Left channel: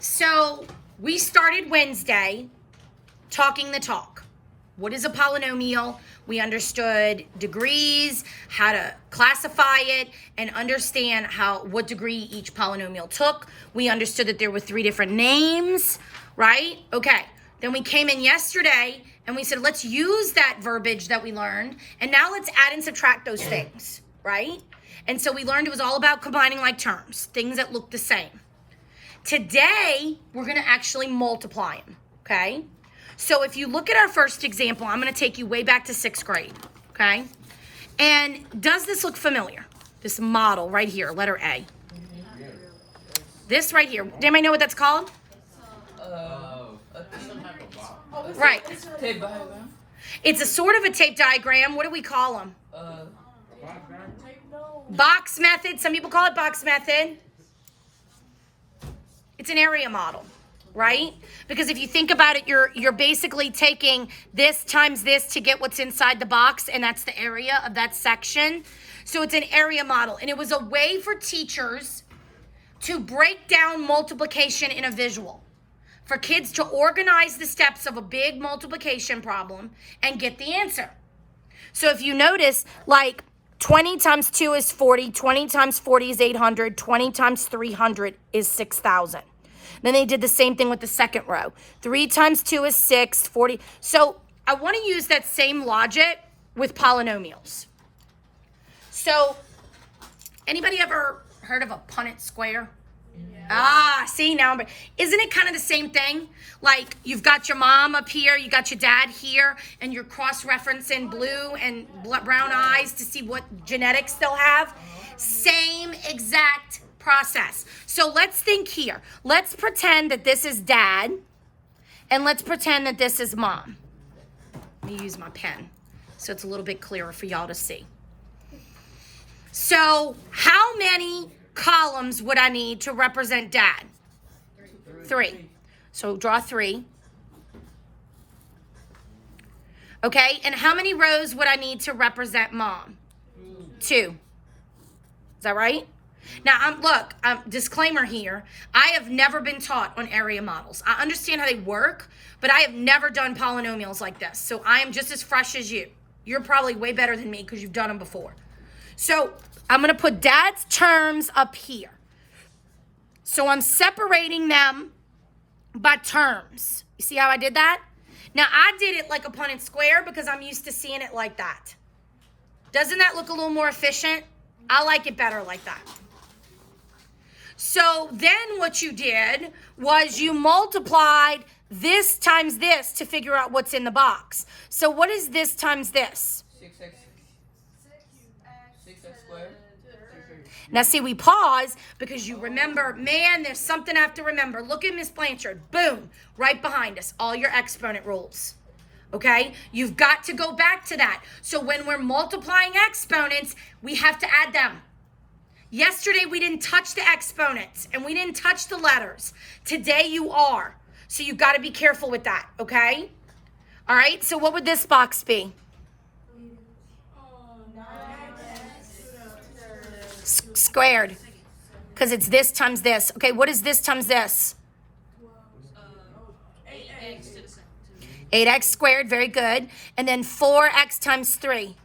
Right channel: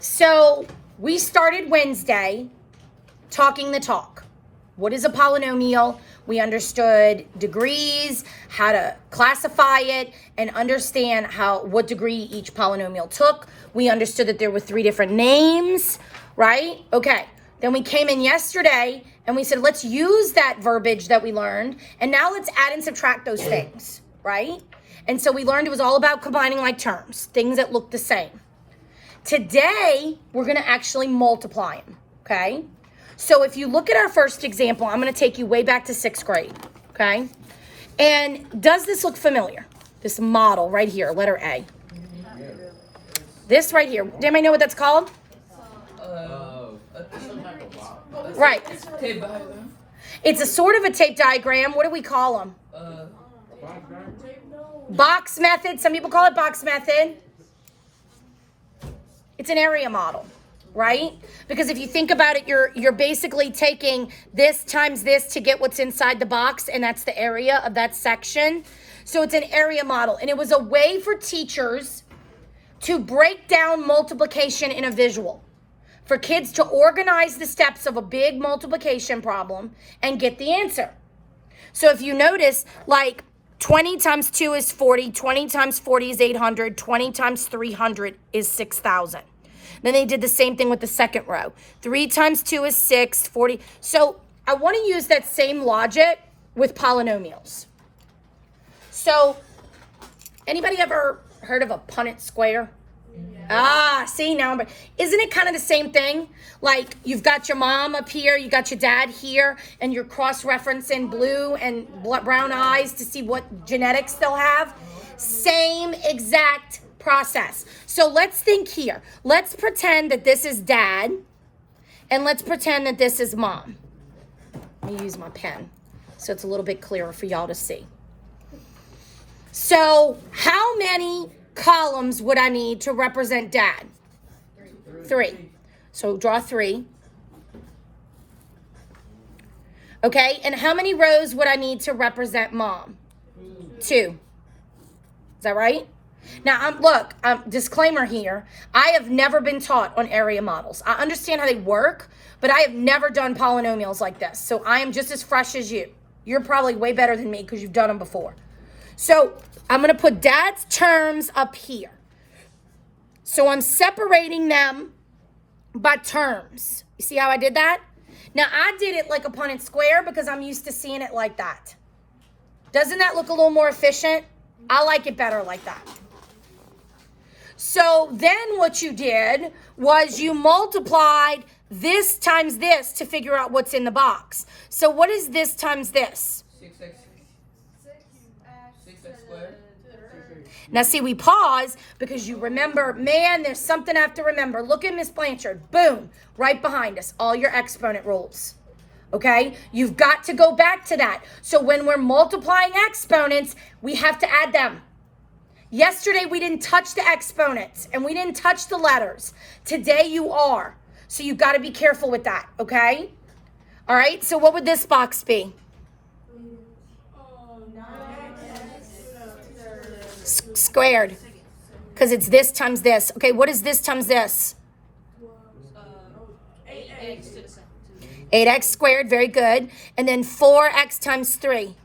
So we started Wednesday talking the talk. What is a polynomial? We understood degrees, how to classify it, and understand what degree each polynomial took. We understood that there were 3 different names, right? Okay. Then we came in yesterday and we said, let's use that verbiage that we learned, and now let's add and subtract those things, right? And so we learned it was all about combining like terms, things that look the same. Today, we're going to actually multiply them, okay? So if you look at our first example, I'm going to take you way back to 6th grade, okay? And does this look familiar? This model right here, letter A. This right here. Does anybody know what that's called? Right. It's a sort of a tape diagram. What do we call them? Box method. Some people call it box method. It's an area model, right? Because if you think about it, you're basically taking this times this to get what's inside the box, and that's the area of that section. So it's an area model, and it was a way for teachers to break down multiplication in a visual, for kids to organize the steps of a big multiplication problem and get the answer. So if you notice, like 20 times 2 is 40, 20 times 40 is 800, 20 times 300 is 6,000. Then they did the same thing with the second row. 3 times 2 is 6, 40. So I want to use that same logic with polynomials. So anybody ever heard of a Punnett square? See now, isn't it kind of the same thing? Like you've got your mom up here, you got your dad here, and you're cross-referencing blue and brown eyes to see what genetics they'll have. Same exact process. So let's think here. Let's pretend that this is dad, and let's pretend that this is mom. Let me use my pen so it's a little bit clearer for y'all to see. So how many columns would I need to represent dad? 3. So draw 3. Okay, and how many rows would I need to represent mom? 2. Is that right? Now, look, disclaimer here. I have never been taught on area models. I understand how they work, but I have never done polynomials like this. So I am just as fresh as you. You're probably way better than me because you've done them before. So I'm going to put dad's terms up here. So I'm separating them by terms. You see how I did that? Now, I did it like a Punnett square because I'm used to seeing it like that. Doesn't that look a little more efficient? I like it better like that. So then what you did was you multiplied this times this to figure out what's in the box. So what is this times this? 6x squared. Now see, we pause because you remember, man, there's something I have to remember. Look at Miss Blanchard. Boom, right behind us. All your exponent rules. Okay? You've got to go back to that. So when we're multiplying exponents, we have to add them. Yesterday, we didn't touch the exponents and we didn't touch the letters. Today, you are. So you've got to be careful with that, okay? All right, so what would this box be? Squared, because it's this times this. Okay, what is this times this? 8x squared, very good. And then 4x times 3.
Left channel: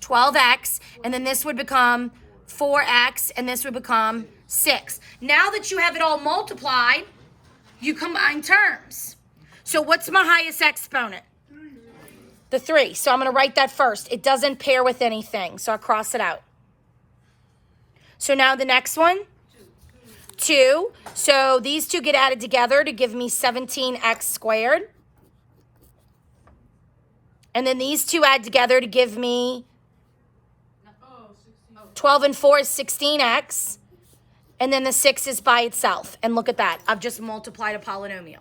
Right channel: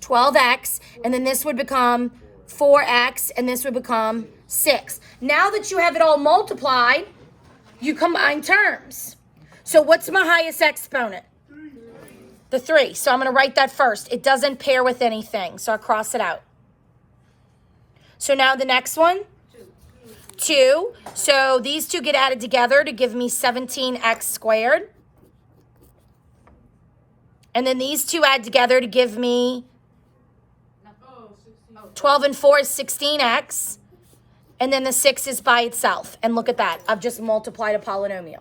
12x, and then this would become 4x, and this would become 6. Now that you have it all multiplied, you combine terms. So what's my highest exponent? The 3. So I'm going to write that first. It doesn't pair with anything, so I'll cross it out. So now the next one, 2. So these two get added together to give me 17x squared. And then these two add together to give me 12 and 4 is 16x. And then the 6 is by itself. And look at that. I've just multiplied a polynomial.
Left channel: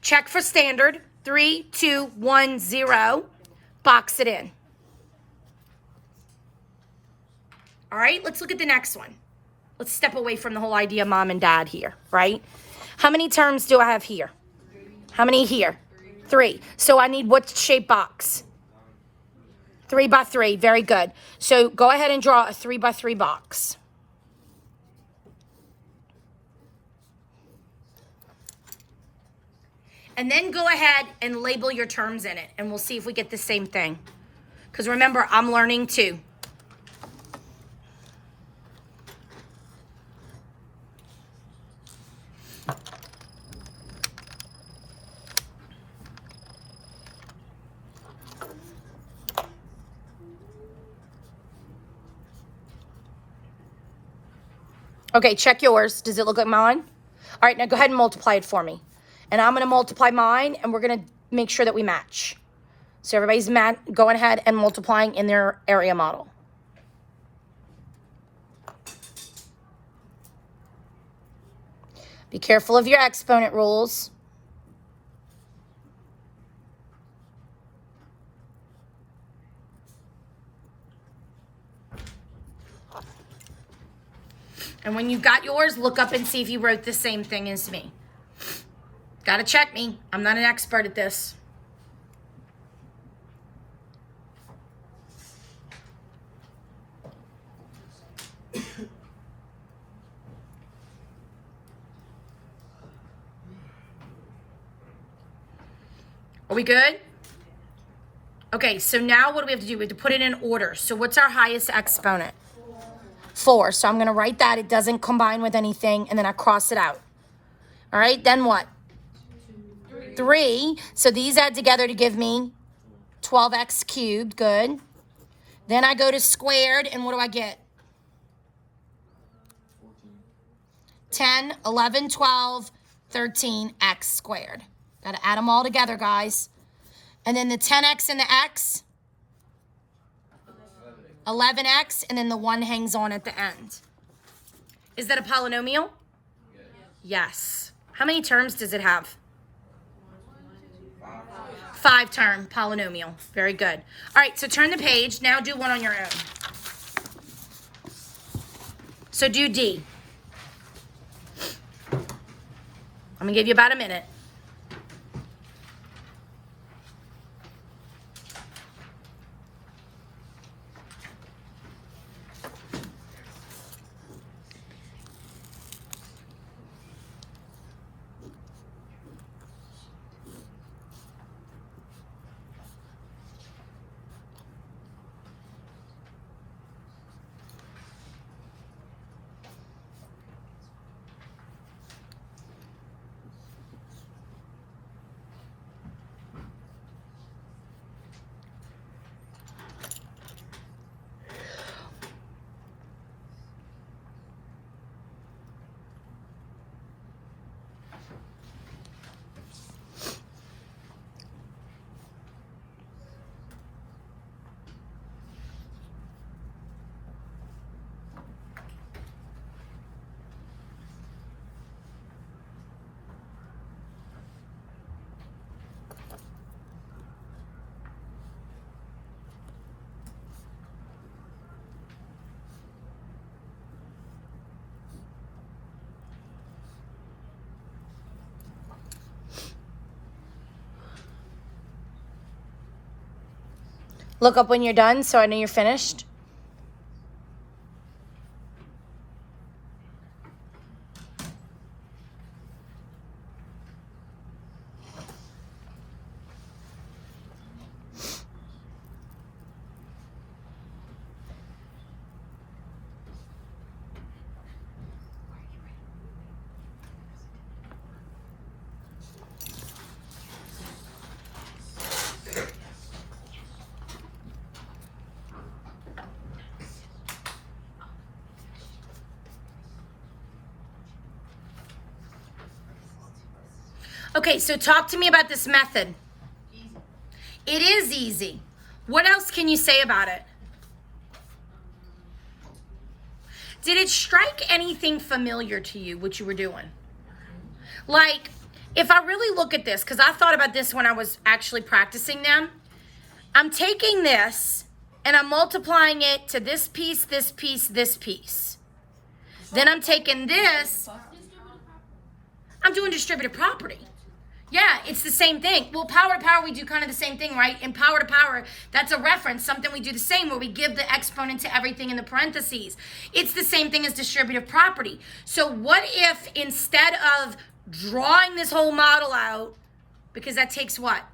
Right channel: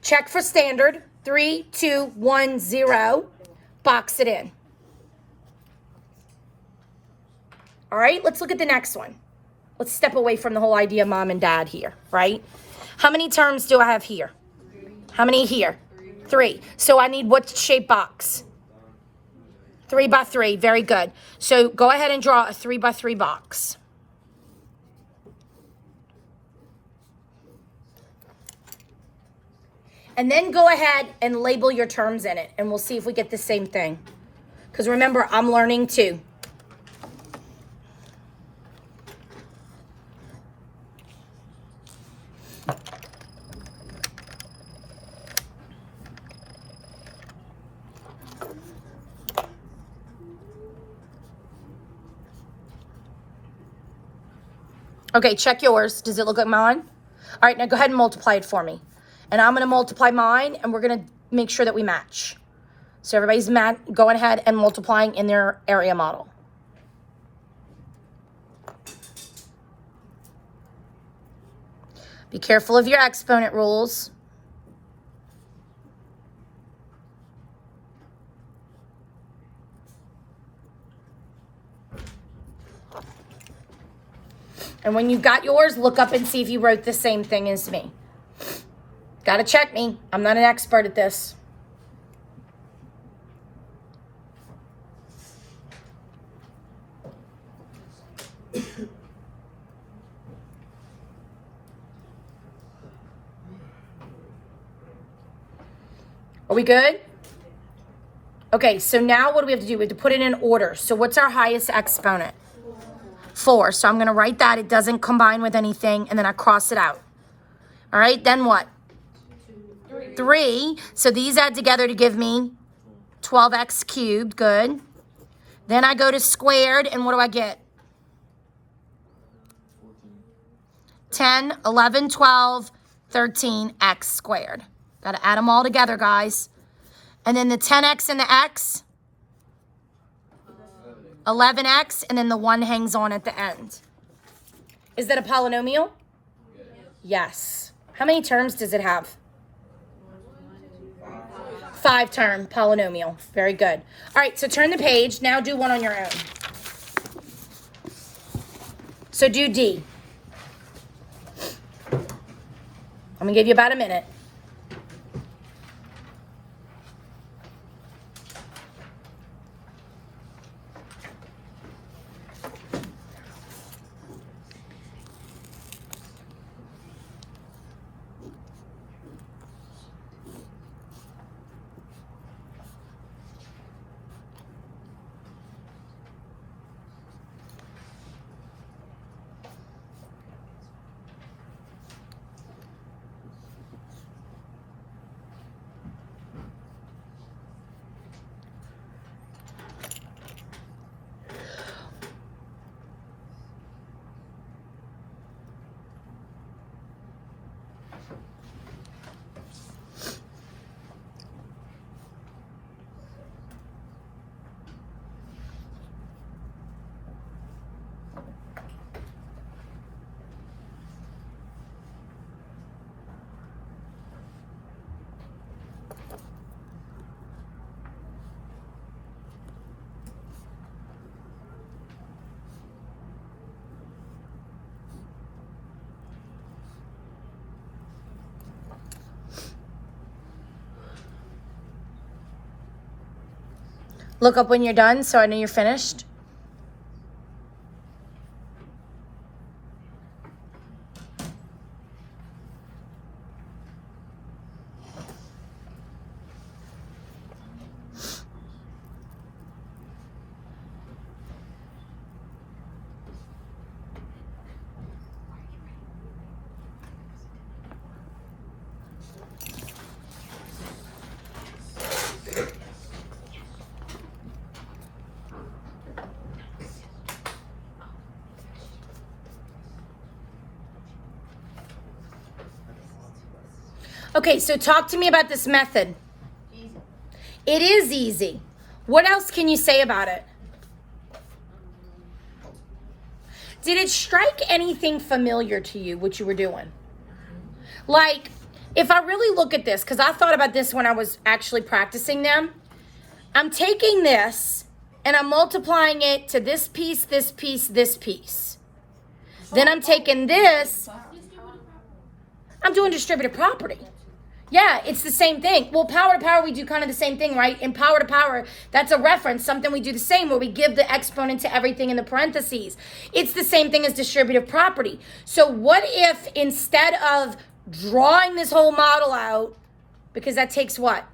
Check for standard. 3, 2, 1, 0. Box it in. All right, let's look at the next one. Let's step away from the whole idea of mom and dad here, right? How many terms do I have here? How many here? 3. So I need what shape box? 3 by 3. Very good. So go ahead and draw a 3 by 3 box. And then go ahead and label your terms in it, and we'll see if we get the same thing. Because remember, I'm learning too. Okay, check yours. Does it look like mine? All right, now go ahead and multiply it for me. And I'm going to multiply mine, and we're going to make sure that we match. So everybody's going ahead and multiplying in their area model. Be careful of your exponent rules. And when you got yours, look up and see if you wrote the same thing as me. Gotta check me. I'm not an expert at this. Are we good? Okay, so now what do we have to do? We have to put it in order. So what's our highest exponent? 4. So I'm going to write that. It doesn't combine with anything, and then I cross it out. All right, then what? 3. So these add together to give me 12x cubed. Good. Then I go to squared, and what do I get? 10, 11, 12, 13x squared. Got to add them all together, guys. And then the 10x and the x, 11x, and then the 1 hangs on at the end. Is that a polynomial? Yes. How many terms does it have? 5-term polynomial. Very good. All right, so turn the page. Now do one on your own. So do D. I'm going to give you about a minute. Look up when you're done so I know you're finished. Okay, so talk to me about this method. Easy. It is easy. What else can you say about it? Did it strike anything familiar to you, what you were doing? Like, if I really look at this, because I thought about this when I was actually practicing them, I'm taking this and I'm multiplying it to this piece, this piece, this piece. Then I'm taking this, I'm doing distributive property. Yeah, it's the same thing. Well, power to power, we do kind of the same thing, right? In power to power, that's a reference, something we do the same, where we give the exponent to everything in the parentheses. It's the same thing as distributive property. So what if instead of drawing this whole model out, because that takes what?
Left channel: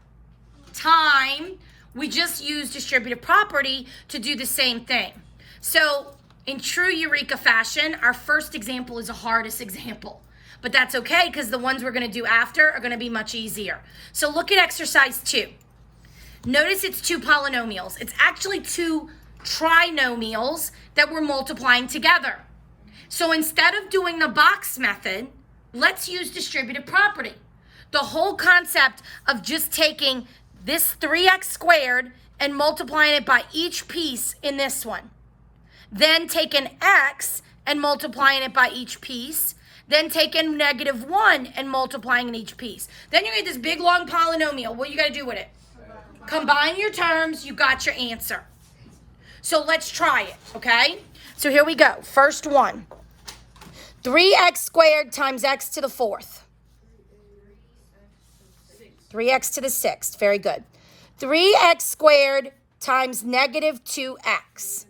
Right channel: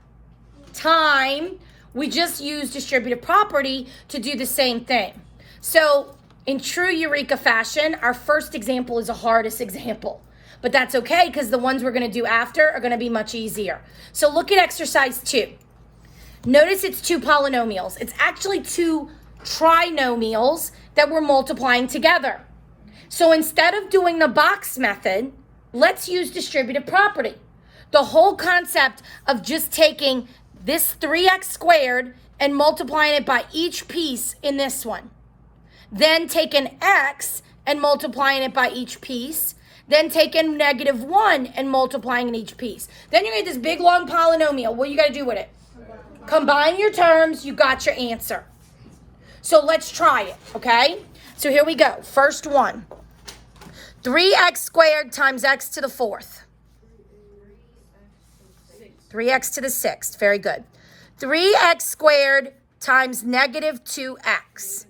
Time. We just use distributive property to do the same thing. So in true Eureka fashion, our first example is the hardest example. But that's okay because the ones we're going to do after are going to be much easier. So look at exercise 2. Notice it's 2 polynomials. It's actually 2 trinomials that we're multiplying together. So instead of doing the box method, let's use distributive property. The whole concept of just taking this 3x squared and multiplying it by each piece in this one. Then taking x and multiplying it by each piece. Then taking -1 and multiplying in each piece. Then you get this big long polynomial. What you got to do with it? Combine your terms. You got your answer. So let's try it, okay? So here we go. First one. 3x squared times x to the 4th. 3x to the 6th. Very good. 3x squared times -2x.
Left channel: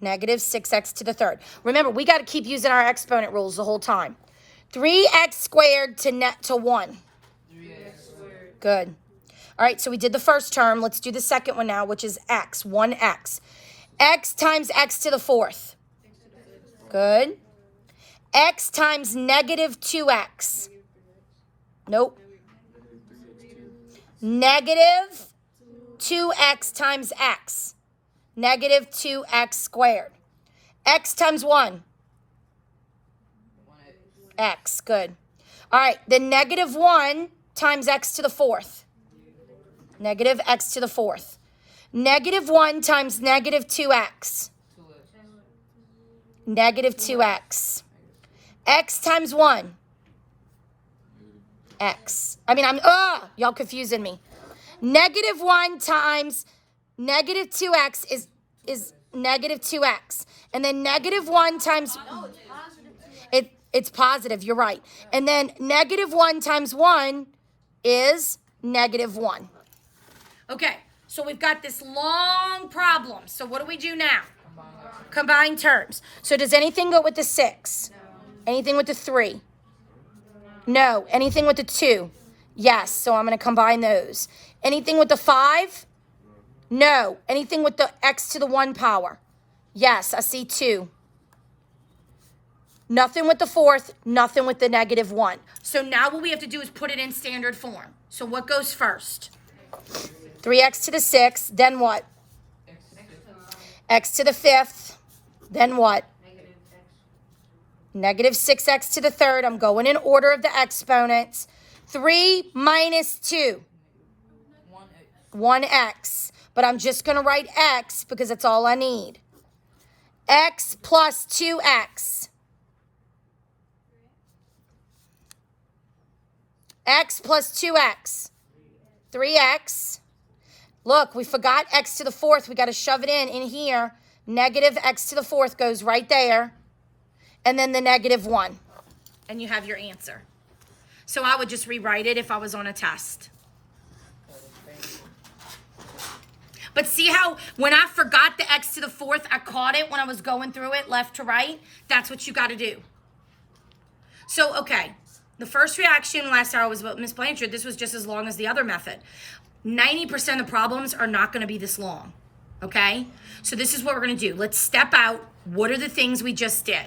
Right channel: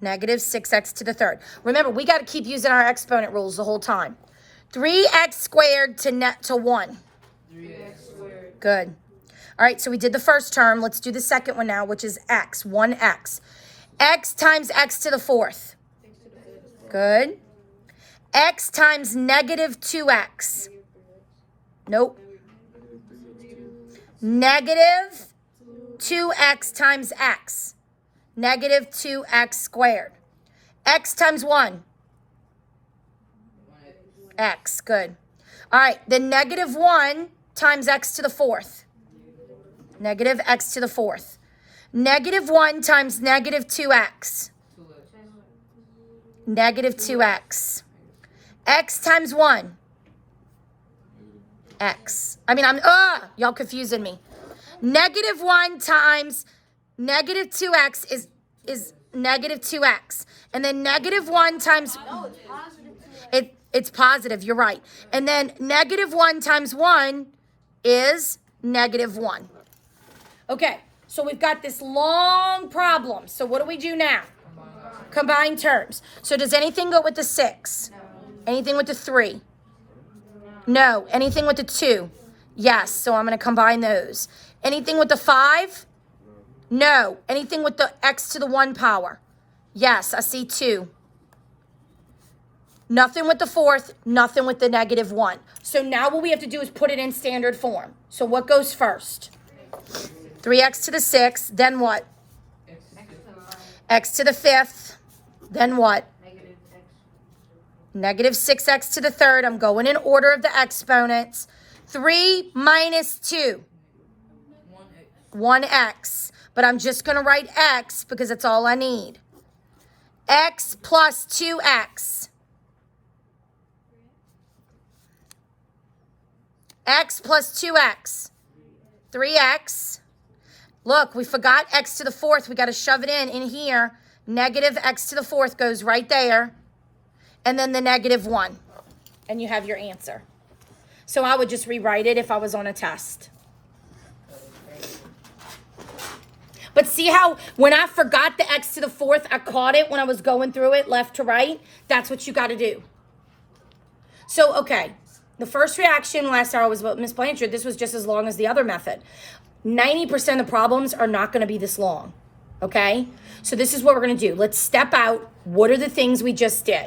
-6x to the 3rd. Remember, we got to keep using our exponent rules the whole time. 3x squared to 1. 3x squared. Good. All right, so we did the first term. Let's do the second one now, which is x, 1x. X times x to the 4th. Good. X times -2x. Nope. -2x times x. -2x squared. X times 1. X, good. All right, then -1 times x to the 4th. -x to the 4th. -1 times -2x. -2x. X times 1. X. Y'all confusing me. -1 times -2x is -2x. And then -1 times... It's positive, you're right. And then -1 times 1 is -1. Okay, so we've got this long problem. So what do we do now? Combine terms. So does anything go with the 6? Anything with the 3? No. Anything with the 2? Yes, so I'm going to combine those. Anything with the 5? No. Anything with the x to the 1 power? Yes, I see 2. Nothing with the 4th, nothing with the -1. So now what we have to do is put it in standard form. So what goes first? 3x to the 6th, then what? X to the 5th, then what? -6x to the 3rd. I'm going in order of the exponents. 3 minus 2. 1x. But I'm just going to write x because that's all I need. X plus 2x. X plus 2x. 3x. Look, we forgot x to the 4th. We got to shove it in here. -x to the 4th goes right there. And then the -1. And you have your answer. So I would just rewrite it if I was on a test. But see how when I forgot the x to the 4th, I caught it when I was going through it left to right? That's what you got to do. So, okay. The first reaction last hour was about Miss Blanchard. This was just as long as the other method. 90% of the problems are not going to be this long. Okay? So this is what we're going to do. Let's step out. What are the things we just did?